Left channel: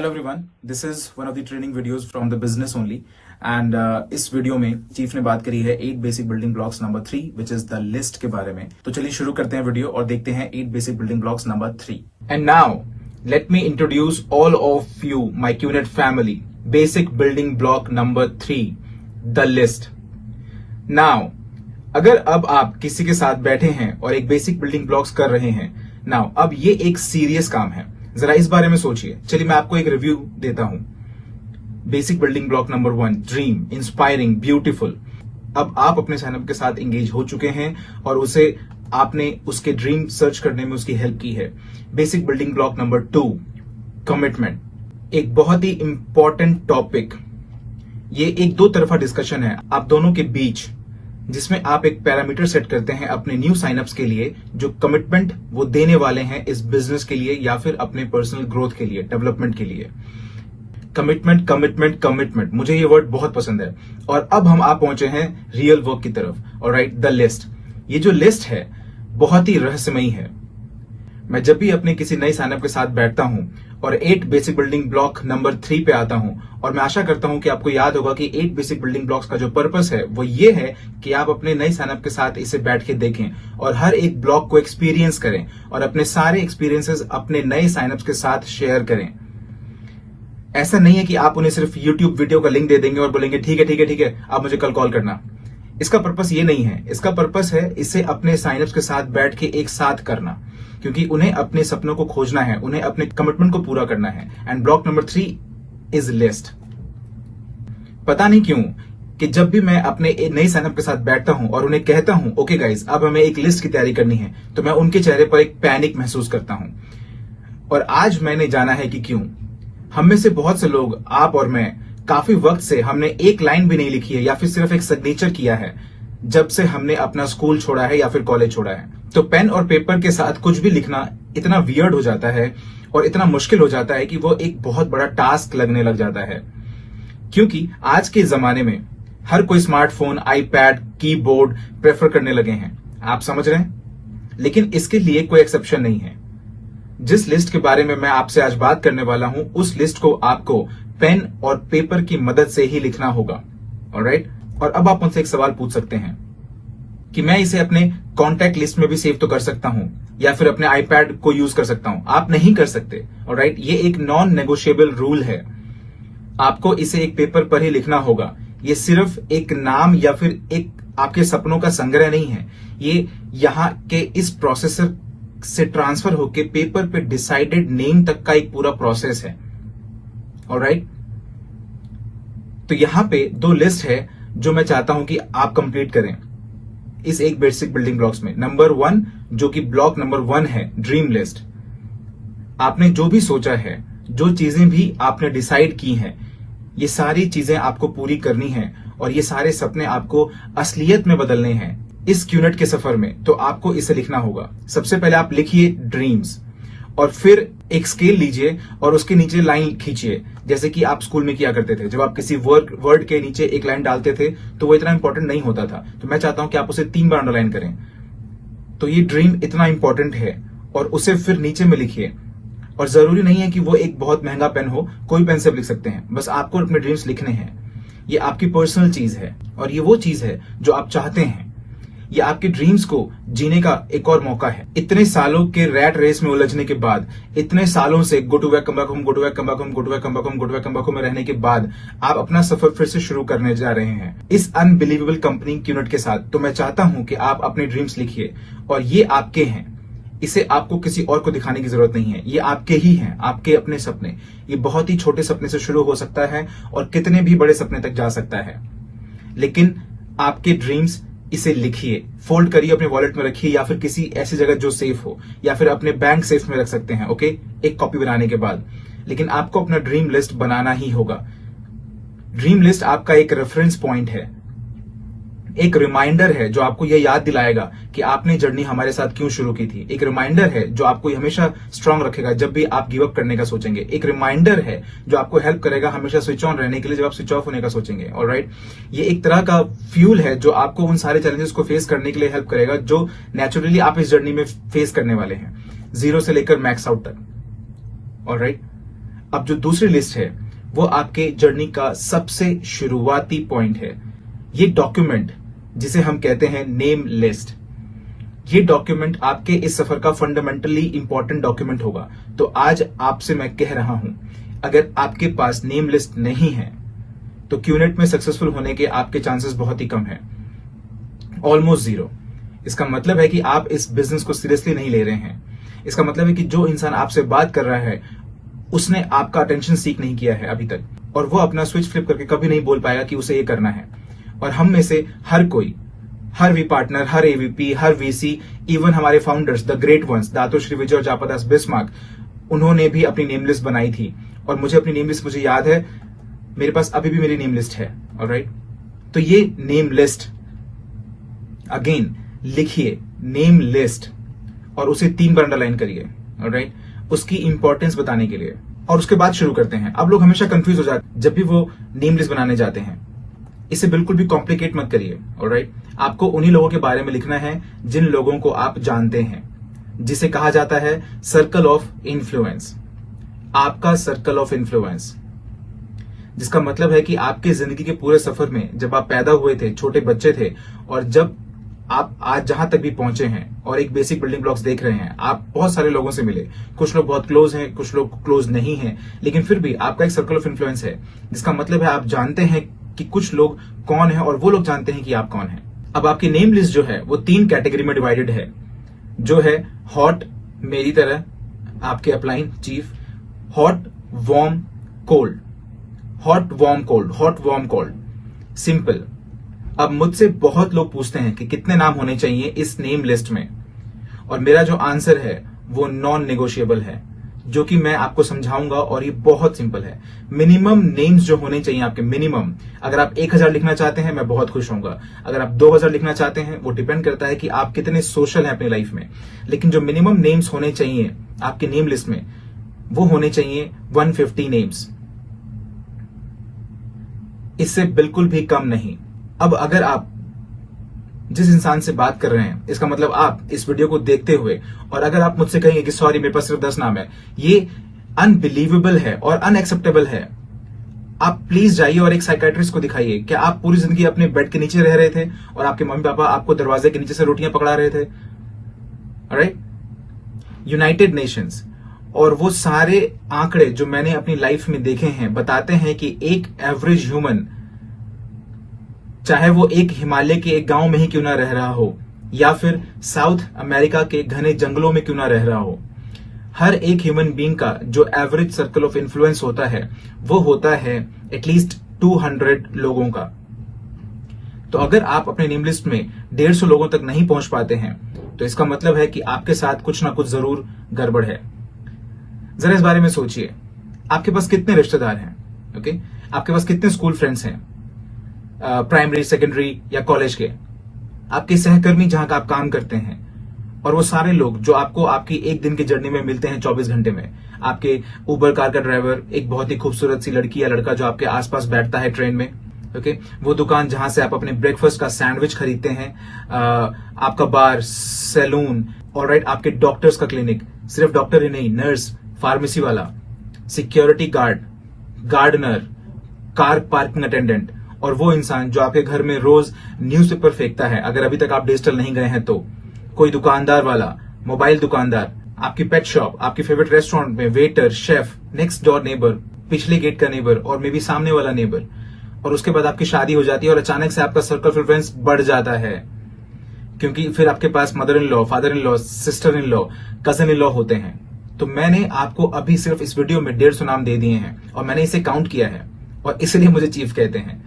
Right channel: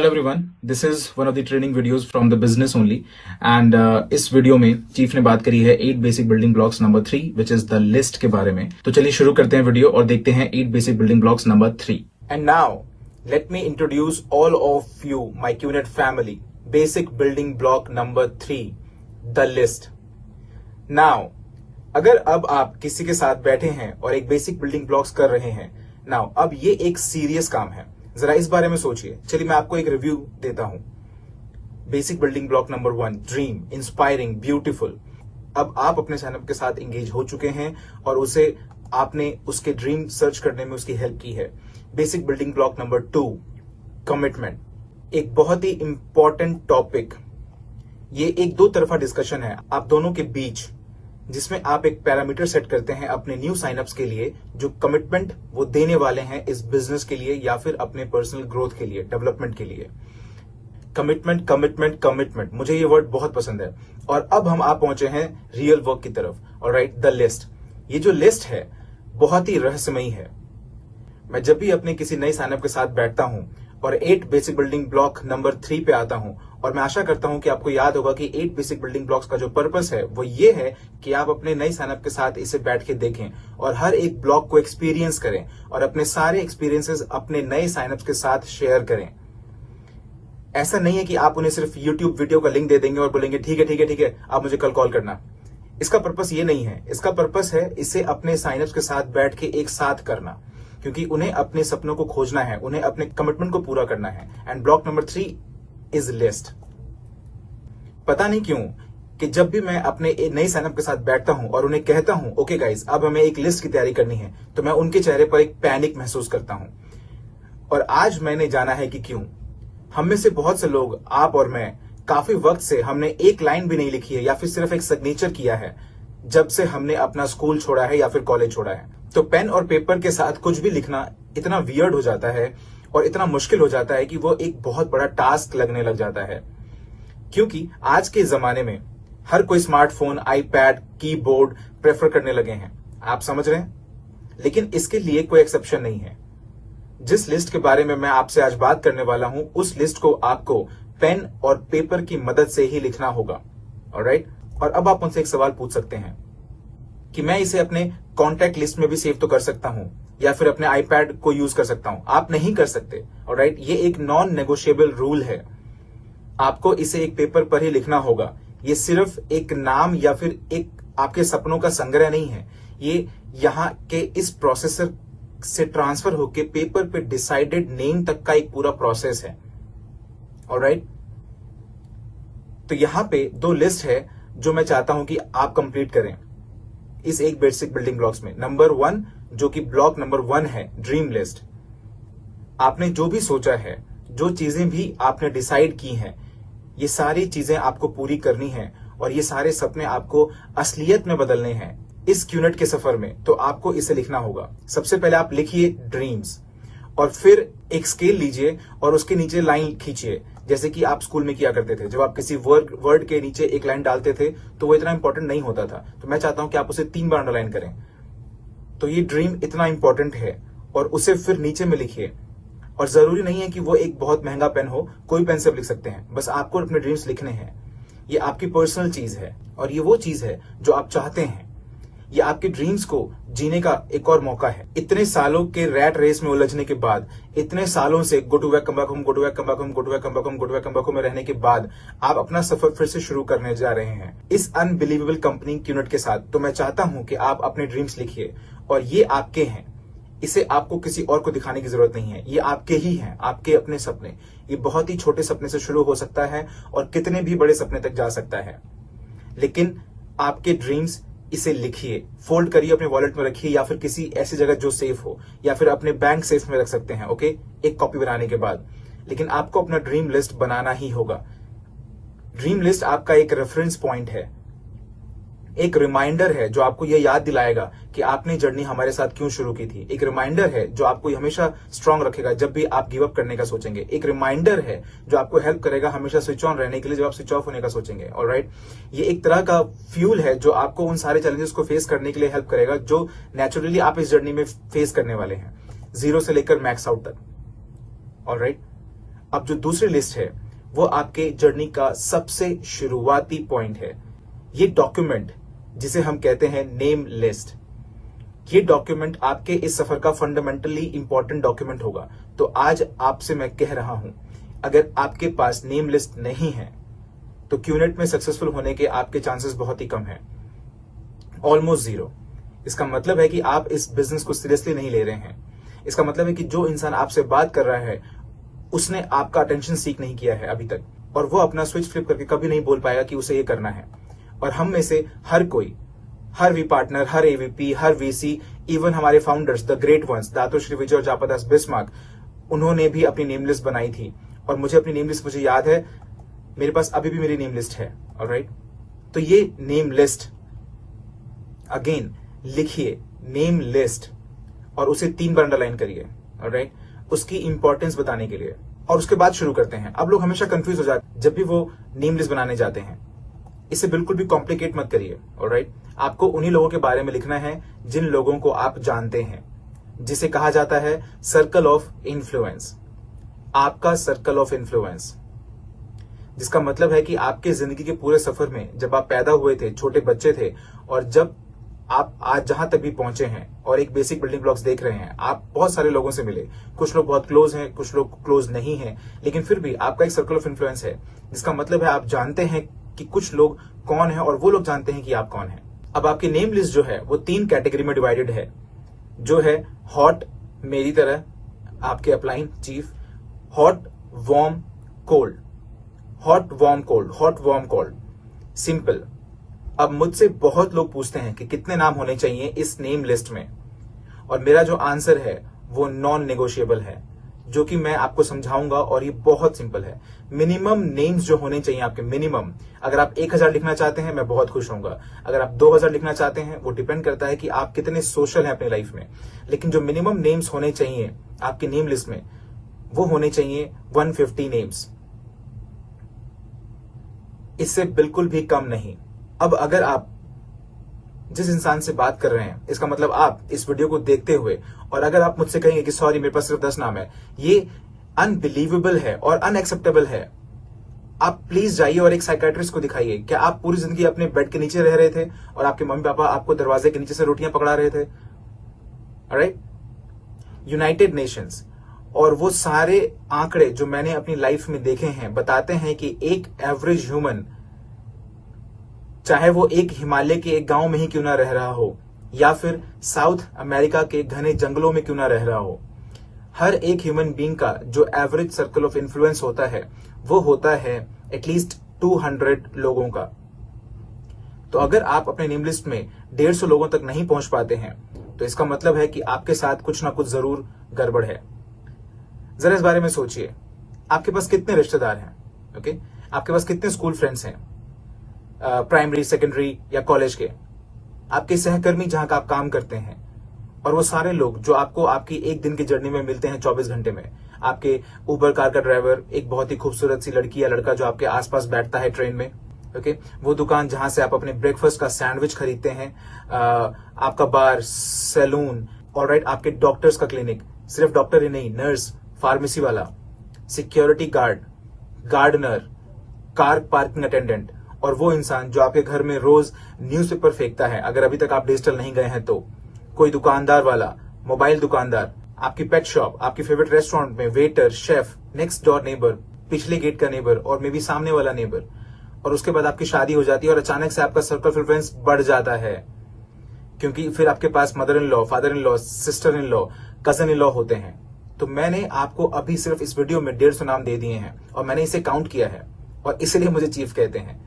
Hello everyone, this is one of the training videos from the business only and इस video में chief ने बात करी है 8 basic building blocks number 3 which is the list के बारे में। तो चलिए शुरू करते हैं वीडियो और देखते हैं 8 basic building blocks number 3। And now let me introduce all of you my QNet family basic building block number 3, the list. Now अगर अब आप किसी के साथ बैठे हैं और एक बेसिक बिल्डिंग ब्लॉक्स कर रहे हैं, नाउ अब ये एक सीरियस काम है, जरा इस बारे में सोचिए। चलिए मैं आपको एक रिव्यू देता हूं। Basic building block number 1, dream, inspiring, beautiful. अब आप अपने साइनअप के साथ एंगेज हो चुके हैं और उसे आपने उसके ड्रीम सर्च करने में उसकी हेल्प की है। Basic building block number 2, commitment. एक बहुत ही इंपॉर्टेंट टॉपिक, ये एक दो तरफा डिस्कशन है आप दोनों के बीच, जिसमें आप एक पैरामीटर सेट करते हैं अपने न्यू साइनअप्स के लिए, जो कमिटमेंट वो देने वाले हैं इस बिजनेस के लिए या फिर अपने पर्सनल ग्रोथ के लिए, डेवलपमेंट के लिए। कमिटमेंट कमिटमेंट कमिटमेंट, मुझे ये वर्ड बहुत पसंद है। और अब हम आप पहुंचे हैं रियल वर्क की तरफ। Alright, the list. ये जो लिस्ट है बहुत ही रहस्यमयी है। मैं जब भी अपने किसी नए साइनअप के साथ बैठता हूं और 8 बेसिक बिल्डिंग ब्लॉक नंबर 3 पे आता हूं, और मैं आशा करता हूं कि आपको याद होगा कि 8 बेसिक बिल्डिंग ब्लॉक्स का जो पर्पस है वो ये है कि आप अपने नए साइनअप के साथ इसे बैठ के देखें और हर एक ब्लॉक को एक्सपीरियंस करें और अपने सारे एक्सपीरियंसेस अपने नए साइनअप्स के साथ शेयर करें। ऐसा नहीं है कि आप उन्हें सिर्फ यूट्यूब वीडियो का लिंक दे देंगे और बोलेंगे ठीक है ठीक है ठीक है, आप मुझे कल कॉल करना। इसका पर्पस ये नहीं है। इसका पर्पस है इसे अपने साइनअप्स के साथ बैठ के एक साथ करना, क्योंकि उन्हें अपने सपनों को खोजना है, उन्हें अपने कमिटमेंट को पूरा करना है। And block number 3 is list. पता नहीं क्यों कि जब भी मैं अपने नए साइनअप के साथ बैठता हूं और उन्हें कहता हूं ओके गाइज अब हमें एक लिस्ट की तैयारी करनी है, तो मैं उनके चेहरे पर एक पैनिक महसूस करता हूं। और आज मैंने जाना है कि क्यों। हम में से बहुत से लोग, आप और मैं, काफी वक्त से हमने एक लाइन भी नहीं लिखी है या फिर सिर्फ एक सिग्नेचर किया है जब से हमने अपना स्कूल छोड़ा है या फिर कॉलेज छोड़ा है। तो पेन और पेपर के साथ कुछ भी लिखना इतना वियर्ड हो जाता है और इतना मुश्किल हो जाता है कि वो एक बहुत बड़ा टास्क लगने लग जाता है। क्योंकि आज के जमाने में हर कोई स्मार्टफोन, आईपैड, कीबोर्ड प्रेफर करने लगे हैं, आप समझ रहे हैं। लेकिन इसके लिए कोई एक्सेप्शन नहीं है। जिस लिस्ट के बारे में मैं आपसे आज बात करने वाला हूं, उस लिस्ट को आपको पेन और पेपर की मदद से ही लिखना होगा। ऑलराइट। और अब आप मुझसे एक सवाल पूछ सकते हैं कि मैं इसे अपने कॉन्टैक्ट लिस्ट में भी सेव तो कर सकता हूं या फिर अपने आईपैड को यूज कर सकता हूं। आप नहीं कर सकते। ऑलराइट, ये एक नॉन नेगोशिएबल रूल है। आपको इसे एक पेपर पर ही लिखना होगा। ये सिर्फ एक नाम या फिर एक आपके सपनों का संग्रह नहीं है। ये यहां के इस प्रोसेसर से ट्रांसफर होकर पेपर पे डिसाइडेड नेम तक का एक पूरा प्रोसेस है। ऑलराइट, तो यहां पे 2 लिस्ट है जो मैं चाहता हूं कि आप कंप्लीट करें इस एक बेसिक बिल्डिंग ब्लॉक्स में। नंबर 1 जो कि ब्लॉक नंबर 1 है, ड्रीम लिस्ट। आपने जो भी सोचा है, जो चीजें भी आपने डिसाइड की हैं, ये सारी चीजें आपको पूरी करनी है और ये सारे सपने आपको असलियत में बदलने हैं इस क्यूनेट के सफर में। तो आपको इसे लिखना होगा। सबसे पहले आप लिखिए ड्रीम्स और फिर एक स्केल लीजिए और उसके नीचे लाइन खींचिए, जैसे कि आप स्कूल में किया करते थे। जब आप किसी वर्ड के नीचे एक लाइन डालते थे तो वो इतना इंपॉर्टेंट नहीं होता था। तो मैं चाहता हूं कि आप उसे 3 बार अंडरलाइन करें। तो ये ड्रीम इतना इंपॉर्टेंट है और उसे फिर नीचे में लिखिए। और जरूरी नहीं है कि वो एक बहुत महंगा पेन हो, कोई पेन से लिख सकते हैं। बस आपको अपने ड्रीम्स लिखने हैं। ये आपकी पर्सनल चीज है और ये वो चीज है जो आप चाहते हैं। ये आपके ड्रीम्स को जीने का एक और मौका है। इतने सालों के रैट रेस में उलझने के बाद, इतने सालों से go to back come back home, go to back come back home, go to back come back home, go to back come back home में रहने के बाद आप अपना सफर फिर से शुरू करने जा रहे हैं इस अनबिलीवेबल कंपनी क्यूनेट के साथ। तो मैं चाहता हूं कि आप अपने ड्रीम्स लिखिए और ये आपके हैं। इसे आपको किसी और को दिखाने की जरूरत नहीं है। ये आपके ही हैं, आपके अपने सपने। ये बहुत ही छोटे सपने से शुरू हो सकता है और कितने भी बड़े सपने तक जा सकता है। लेकिन आपके ड्रीम्स, इसे लिखिए, फोल्ड करिए, अपने वॉलेट में रखिए या फिर किसी ऐसी जगह जो सेफ हो, या फिर अपने बैंक सेफ में रख सकते हैं। ओके, एक कॉपी बनाने के बाद। लेकिन आपको अपना ड्रीम लिस्ट बनाना ही होगा। ड्रीम लिस्ट आपका एक रेफरेंस पॉइंट है, एक रिमाइंडर है जो आपको यह याद दिलाएगा कि आपने जर्नी हमारे साथ क्यों शुरू की थी। एक रिमाइंडर है जो आपको हमेशा स्ट्रांग रखेगा जब भी आप गिव अप करने का सोचेंगे। एक रिमाइंडर है जो आपको हेल्प करेगा हमेशा स्विच ऑन रहने के लिए जब आप स्विच ऑफ होने का सोचेंगे। ऑलराइट, ये एक तरह का फ्यूल है जो आपको उन सारे चैलेंजेस को फेस करने के लिए हेल्प करेगा जो नेचुरली आप इस जर्नी में फेस करने वाले हैं, 0 से लेकर मैक्स आउट तक। ऑलराइट, अब जो दूसरी लिस्ट है वो आपके जर्नी का सबसे शुरुआती पॉइंट है। ये डॉक्यूमेंट जिसे हम कहते हैं नेम लिस्ट, ये डॉक्यूमेंट आपके इस सफर का फंडामेंटली इंपॉर्टेंट डॉक्यूमेंट होगा। तो आज आपसे मैं कह रहा हूं, अगर आपके पास नेम लिस्ट नहीं है तो क्यूनेट में सक्सेसफुल होने के आपके चांसेस बहुत ही कम है, ऑलमोस्ट जीरो। इसका मतलब है कि आप इस बिजनेस को सीरियसली नहीं ले रहे हैं। इसका मतलब है कि जो इंसान आपसे बात कर रहा है उसने आपका अटेंशन सीक नहीं किया है अभी तक, और वो अपना स्विच फ्लिप करके कभी नहीं बोल पाएगा कि उसे ये करना है। और हम में से हर कोई, हर वी पार्टनर, हर एवीपी, हर वीसी, इवन हमारे founders, the great ones, Dato Sri Vijay और जापदास बिस्मार्क, उन्होंने भी अपनी नेम लिस्ट बनाई थी। और मुझे अपनी नेम लिस्ट मुझे याद है, मेरे पास अभी भी मेरी नेम लिस्ट है। ऑलराइट, तो ये नेम लिस्ट, अगेन लिखिए नेम लिस्ट और उसे 3 बार अंडरलाइन करिए। ऑलराइट, उसकी इंपॉर्टेंस बताने के लिए। और उसके बाद शुरू करते हैं। अब लोग हमेशा कंफ्यूज हो जाते हैं जब भी वो नेम लिस्ट बनाने जाते हैं। इसे बिल्कुल भी कॉम्प्लिकेट मत करिए। ऑलराइट, आपको उन्हीं लोगों के बारे में लिखना है जिन लोगों को आप जानते हैं, जिसे कहा जाता है सर्कल ऑफ इन्फ्लुएंस। आपका सर्कल ऑफ इन्फ्लुएंस, जिसका मतलब है कि आपके जिंदगी के पूरे सफर में जब आप पैदा हुए थे, छोटे बच्चे थे, और जब आप आज जहां तक भी पहुंचे हैं और एक बेसिक बिल्डिंग ब्लॉक्स देख रहे हैं, आप बहुत सारे लोगों से मिले। कुछ लोग बहुत क्लोज हैं, कुछ लोग क्लोज नहीं हैं, लेकिन फिर भी आपका एक सर्कल ऑफ इन्फ्लुएंस है, जिसका मतलब है आप जानते हैं कि कुछ लोग कौन है और वो लोग जानते हैं कि आप कौन है। अब आपकी नेम लिस्ट जो है वो 3 कैटेगरी में डिवाइडेड है, जो है हॉट, मेरी तरह, आपके upline chief, hot, warm, cold, hot, warm, cold, hot, warm, cold, simple. अब मुझसे बहुत लोग पूछते हैं कि कितने नाम होने चाहिए इस नेम लिस्ट में, और मेरा जो आंसर है वो नॉन नेगोशिएबल है, जो कि मैं आपको समझाऊंगा। और ये बहुत सिंपल है। मिनिमम नेम्स जो होने चाहिए आपके, मिनिमम, अगर आप 1000 लिखना चाहते हैं मैं बहुत खुश होऊंगा। अगर आप 2000 लिखना चाहते हैं, वो डिपेंड करता है कि आप कितने सोशल हैं अपनी लाइफ में, लेकिन जो मिनिमम नेम्स होने चाहिए आपके नेम लिस्ट में वो होने चाहिए 150 नेम्स, इससे बिल्कुल भी कम नहीं। अब अगर आप जिस इंसान से बात कर रहे हैं, इसका मतलब आप इस वीडियो को देखते हुए, और अगर आप मुझसे कहेंगे कि सॉरी मेरे पास सिर्फ 10 नाम है, ये अनबिलीवेबल है और अनएक्सेप्टेबल है। आप प्लीज जाइए और एक साइकेट्रिस्ट को दिखाइए। क्या आप पूरी जिंदगी अपने बेड के नीचे रह रहे थे और आपके मम्मी पापा आपको दरवाजे के नीचे से रोटियां पकड़ा रहे थे? ऑलराइट, यूनाइटेड नेशंस और वो सारे आंकड़े जो मैंने अपनी लाइफ में देखे हैं बताते हैं कि एक एवरेज ह्यूमन, चाहे वो एक हिमालय के एक गांव में ही क्यों ना रह रहा हो या फिर साउथ अमेरिका के घने जंगलों में क्यों ना रह रहा हो, हर एक ह्यूमन बीइंग का जो एवरेज सर्कल ऑफ इन्फ्लुएंस होता है वो होता है एटलीस्ट 200 लोगों का। तो अगर आप अपने नेम लिस्ट में 150 लोगों तक नहीं पहुंच पाते हैं तो इसका मतलब है कि आपके साथ कुछ ना कुछ जरूर गड़बड़ है। जरा इस बारे में सोचिए, आपके पास कितने रिश्तेदार हैं? ओके, आपके पास कितने स्कूल फ्रेंड्स हैं, प्राइमरी, सेकेंडरी या कॉलेज के, आपके सहकर्मी जहां का आप काम करते हैं, और वो सारे लोग जो आपको आपकी एक दिन की जर्नी में मिलते हैं 24 घंटे में, आपके उबर कार का ड्राइवर, एक बहुत ही खूबसूरत सी लड़की या लड़का जो आपके आसपास बैठता है ट्रेन में, ओके, वो दुकान जहां से आप अपने ब्रेकफास्ट का सैंडविच खरीदते हैं, आपका बार, सैलून, ऑलराइट, आपके डॉक्टर्स का क्लिनिक, सिर्फ डॉक्टर ही नहीं, नर्स, फार्मेसी वाला, security guard, gardener, car parking attendant, और वो इंसान जो आपके घर में रोज न्यूज़पेपर फेंकता है, अगर अभी तक आप डिजिटल नहीं गए हैं तो, कोई दुकानदार वाला, मोबाइल दुकानदार, आपकी पेट शॉप, आपकी फेवरेट रेस्टोरेंट में waiter, chef, next door neighbour, पिछले गेट का नेबर और मे बी सामने वाला नेबर। और उसके बाद आपकी शादी हो जाती है और अचानक से आपका सर्कल ऑफ इन्फ्लुएंस बढ़ जाता है, क्योंकि फिर आपके पास mother in law, father in law, sister in law, cousin in law होते हैं। तो मैंने आपको अभी सिर्फ इस वीडियो में 150 नाम दे दिए हैं और मैंने इसे काउंट किया है, और इसलिए मुझे चीफ कहते हैं।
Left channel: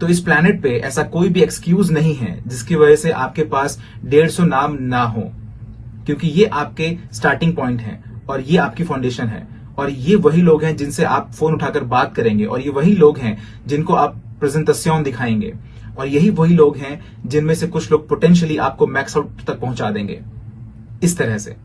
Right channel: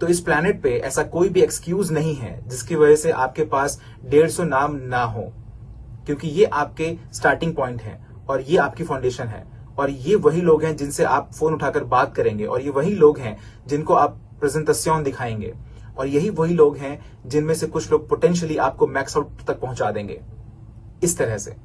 तो इस प्लैनेट पे ऐसा कोई भी एक्सक्यूज नहीं है जिसकी वजह से आपके पास 150 नाम ना हो, क्योंकि ये आपके स्टार्टिंग पॉइंट है और ये आपकी फाउंडेशन है, और ये वही लोग हैं जिनसे आप फोन उठाकर बात करेंगे, और ये वही लोग हैं जिनको आप प्रेजेंटेशन दिखाएंगे, और यही वही लोग हैं जिनमें से कुछ लोग पोटेंशियली आपको मैक्स आउट तक पहुंचा देंगे इस तरह से।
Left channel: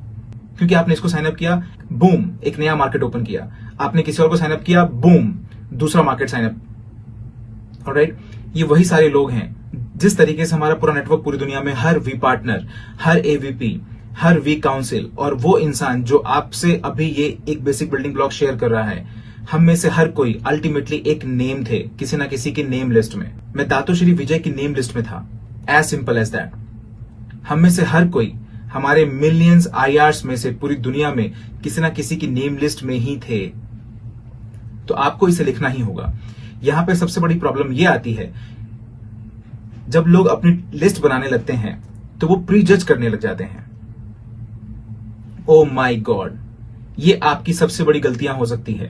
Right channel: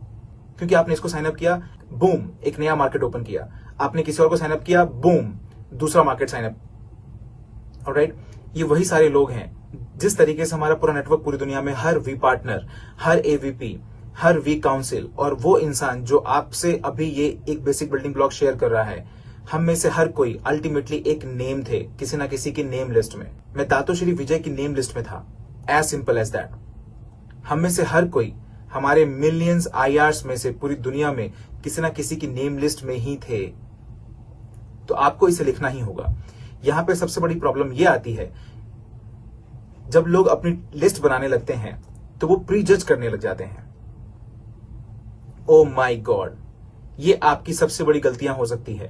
क्योंकि आपने इसको साइन अप किया, बूम, एक नया मार्केट ओपन किया, आपने किसी और को साइन अप किया, बूम, दूसरा मार्केट साइन अप। ऑलराइट, ये वही सारे लोग हैं। जिस तरीके से हमारा पूरा नेटवर्क पूरी दुनिया में, हर वी पार्टनर, हर एवीपी, हर वी काउंसिल, और वो इंसान जो आपसे अभी ये एक बेसिक बिल्डिंग ब्लॉक शेयर कर रहा है, हम में से हर कोई अल्टीमेटली एक नेम थे किसी ना किसी की नेम लिस्ट में। मैं दातोश्री विजय की नेम लिस्ट में था, एज सिंपल एज दैट। हम में से हर कोई हमारे मिलियंस IRs में से पूरी दुनिया में किसी ना किसी की नेम लिस्ट में ही थे। तो आपको इसे लिखना ही होगा। यहां पे सबसे बड़ी प्रॉब्लम यह आती है, जब लोग अपनी लिस्ट बनाने लगते हैं तो वो प्री जज करने लग जाते हैं। ओ माय गॉड, ये आपकी सबसे बड़ी गलतियां हो सकती है।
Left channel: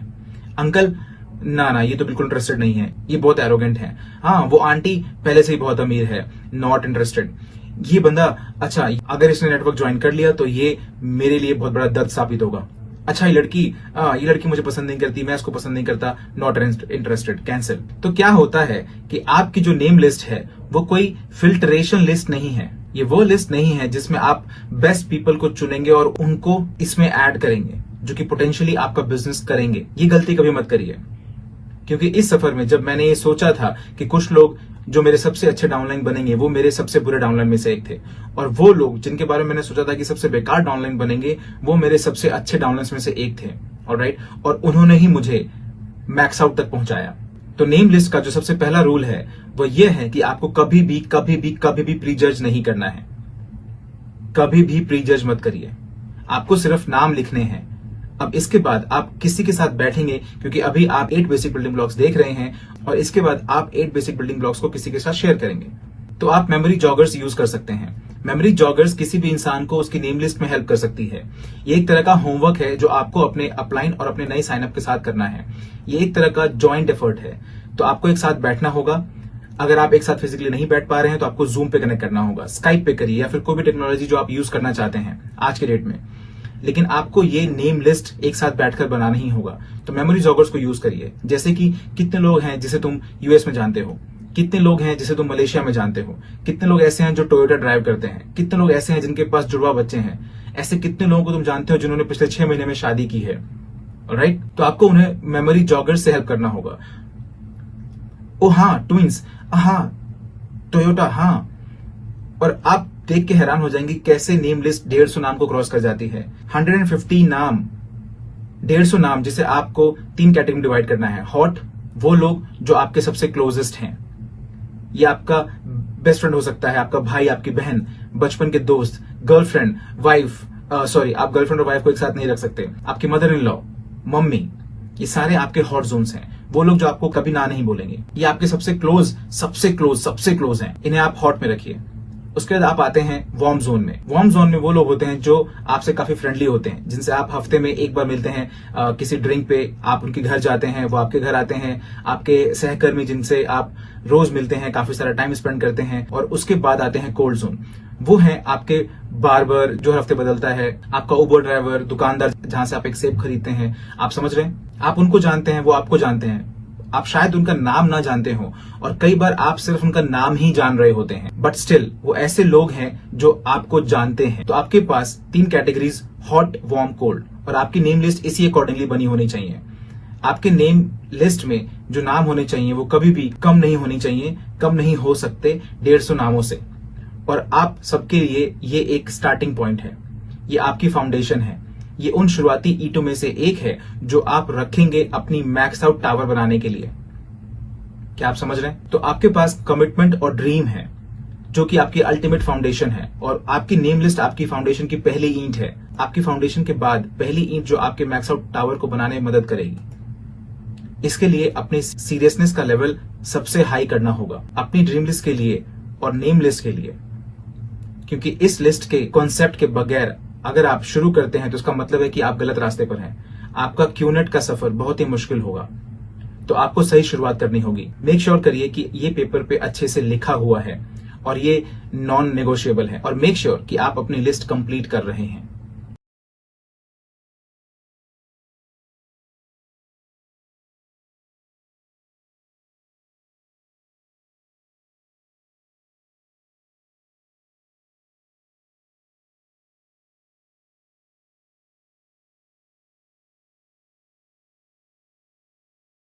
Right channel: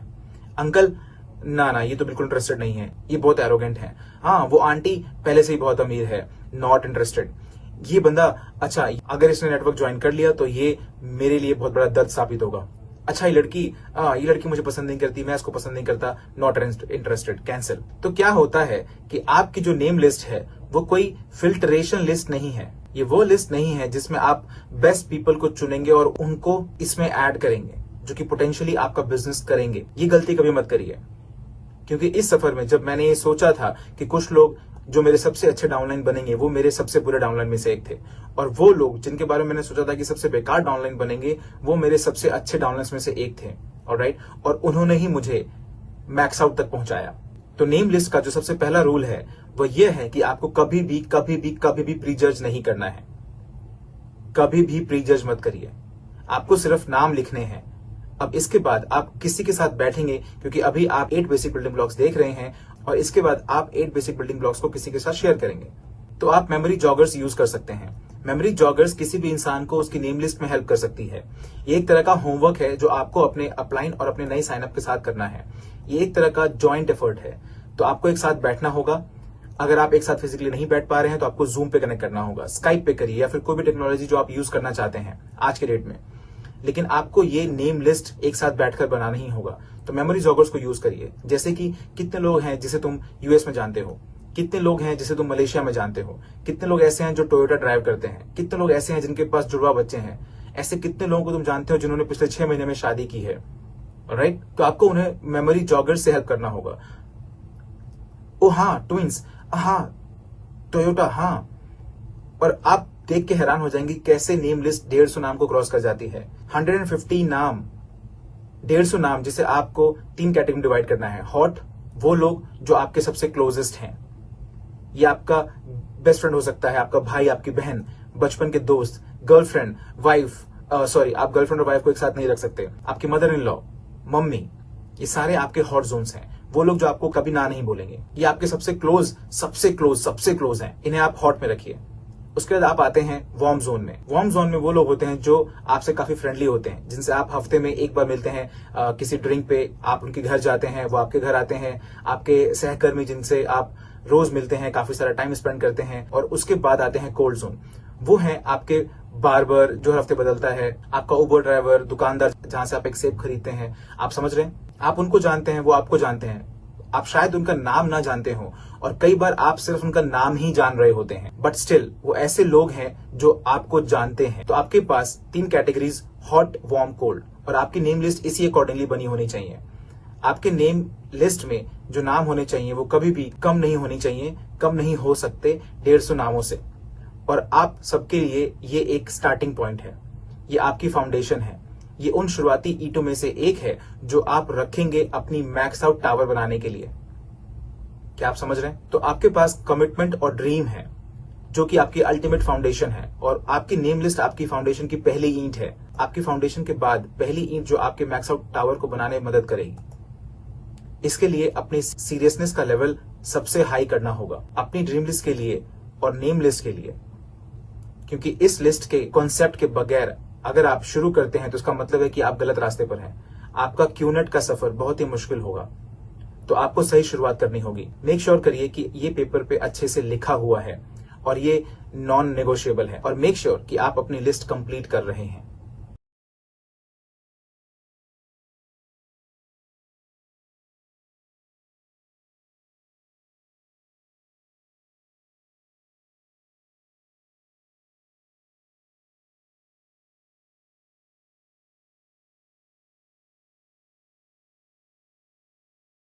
अंकल ना ये तो बिल्कुल इंटरेस्टेड नहीं है, ये बहुत एरोगेंट है। हाँ, वो आंटी पहले से ही बहुत अमीर है, नॉट इंटरेस्टेड। ये बंदा, अच्छा अगर इसने नेटवर्क ज्वाइन कर लिया तो ये मेरे लिए बहुत बड़ा दर्द साबित होगा। अच्छा ये लड़की मुझे पसंद नहीं करती, मैं इसको पसंद नहीं करता, नॉट इंटरेस्टेड, कैंसिल। तो क्या होता है कि आपकी जो नेम लिस्ट है वो कोई फिल्ट्रेशन लिस्ट नहीं है। ये वो लिस्ट नहीं है जिसमें आप बेस्ट पीपल को चुनेंगे और उनको इसमें ऐड करेंगे जो कि पोटेंशियली आपका बिजनेस करेंगे। ये गलती कभी मत करिए, क्योंकि इस सफर में जब मैंने ये सोचा था कि कुछ लोग जो मेरे सबसे अच्छे डाउनलाइन बनेंगे वो मेरे सबसे बुरे डाउनलाइन में से एक थे, और वो लोग जिनके बारे में मैंने सोचा था कि सबसे बेकार डाउनलाइन बनेंगे वो मेरे सबसे अच्छे डाउनलाइन में से एक थे। ऑलराइट, और उन्होंने ही मुझे मैक्स आउट तक पहुंचाया। तो नेम लिस्ट का जो सबसे पहला रूल है वो ये है कि आपको कभी भी प्री जज नहीं करना है। कभी भी प्री जज मत करिए, आपको सिर्फ नाम लिखने हैं। अब इसके बाद आप किसी के साथ बैठेंगे, क्योंकि अभी आप 8 बेसिक बिल्डिंग ब्लॉक्स देख रहे हैं और इसके बाद आप 8 बेसिक बिल्डिंग ब्लॉक्स को किसी के साथ शेयर करेंगे। तो आप मेमोरी जॉगर्स यूज कर सकते हैं। मेमोरी जॉगर्स किसी भी इंसान को उसकी नेम लिस्ट में हेल्प कर सकती है। ये एक तरह का होमवर्क है जो आपको अपने अपलाइन और अपने नए साइनअप के साथ करना है। ये एक तरह का जॉइंट एफर्ट है। तो आपको एक साथ बैठना होगा। अगर आप एक साथ फिजिकली नहीं बैठ पा रहे हैं तो आपको जूम पे कनेक्ट करना होगा, स्काइप पे करिए या फिर कोई भी टेक्नोलॉजी जो आप यूज करना चाहते हैं आज के डेट में। लेकिन आपको ये नेम लिस्ट एक साथ बैठकर बनाना ही होगा। तो मेमोरी जॉगर्स को यूज करिए। जैसे कि कितने लोग हैं जिसे तुम यूएस में जानते हो, कितने लोग हैं जिसे तुम मलेशिया में जानते हो, कितने लोग ऐसे हैं जो टोयोटा ड्राइव करते हैं, कितने लोग ऐसे हैं जिनके पास जुड़वा बच्चे हैं, ऐसे कितने लोगों को तुम जानते हो जिन्होंने पिछले 6 महीने में शादी की है। ऑलराइट, तो आपको उन्हें मेमोरी जॉगर्स से हेल्प करना होगा। ओ हाँ, ट्विंस, हाँ टोयोटा, हाँ। और आप देख के हैरान हो जाएंगे कैसे नेम लिस्ट 150 नाम को क्रॉस कर जाती है। 150 नाम, 150 नाम, जिसे आपको 3 कैटेगरी में डिवाइड करना है। हॉट, वो लोग जो आपके सबसे क्लोजेस्ट हैं। ये आपका बेस्ट फ्रेंड हो सकता है, आपका भाई, आपकी बहन, बचपन के दोस्त, गर्लफ्रेंड, वाइफ, सॉरी आप गर्लफ्रेंड और वाइफ को एक साथ नहीं रख सकते, आपकी मदर इन लॉ, मम्मी, ये सारे आपके हॉट जोन्स हैं। वो लोग जो आपको कभी ना नहीं बोलेंगे, ये आपके सबसे क्लोज हैं, इन्हें आप हॉट में रखिए। उसके बाद आप आते हैं वार्म जोन में। वार्म जोन में वो लोग होते हैं जो आपसे काफी फ्रेंडली होते हैं, जिनसे आप हफ्ते में एक बार मिलते हैं, किसी ड्रिंक पे आप उनके घर जाते हैं, वो आपके घर आते हैं, आपके सहकर्मी जिनसे आप रोज मिलते हैं, काफी सारा टाइम स्पेंड करते हैं। और उसके बाद आते हैं कोल्ड जोन। वो है आपके बार्बर जो हर हफ्ते बदलता है, आपका उबर ड्राइवर, दुकानदार जहां से आप एक सेब खरीदते हैं। आप समझ रहे हैं, आप उनको जानते हैं, वो आपको जानते हैं। आप शायद उनका नाम ना जानते हो और कई बार आप सिर्फ उनका नाम ही जान रहे होते हैं, बट स्टिल वो ऐसे लोग हैं जो आपको जानते हैं। तो आपके पास 3 कैटेगरीज, हॉट, वार्म, कोल्ड, और आपकी नेम लिस्ट इसी अकॉर्डिंगली बनी होनी चाहिए। आपके नेम लिस्ट में जो नाम होने चाहिए वो कभी भी कम नहीं होनी चाहिए, कम नहीं हो सकते 150 नामों से। और आप सबके लिए ये एक स्टार्टिंग पॉइंट है, ये आपकी फाउंडेशन है, ये उन शुरुआती ईंटों में से एक है जो आप रखेंगे अपनी मैक्स आउट टावर बनाने के लिए। क्या आप समझ रहे हैं? तो आपके पास कमिटमेंट और ड्रीम है जो कि आपकी अल्टीमेट फाउंडेशन है, और आपकी नेम लिस्ट आपकी फाउंडेशन की पहली ईंट है। आपकी फाउंडेशन के बाद पहली ईंट जो आपके मैक्स आउट टावर को बनाने में मदद करेगी। इसके लिए अपनी सीरियसनेस का लेवल सबसे हाई करना होगा अपनी ड्रीम लिस्ट के लिए और नेम लिस्ट के लिए, क्योंकि इस लिस्ट के कॉन्सेप्ट के बगैर अगर आप शुरू करते हैं तो इसका मतलब है कि आप गलत रास्ते पर हैं। आपका क्यूनेट का सफर बहुत ही मुश्किल होगा। तो आपको सही शुरुआत करनी होगी। मेक श्योर करिए कि ये पेपर पे अच्छे से लिखा हुआ है और ये नॉन नेगोशिएबल है, और मेक श्योर कि आप अपनी लिस्ट कंप्लीट कर रहे हैं।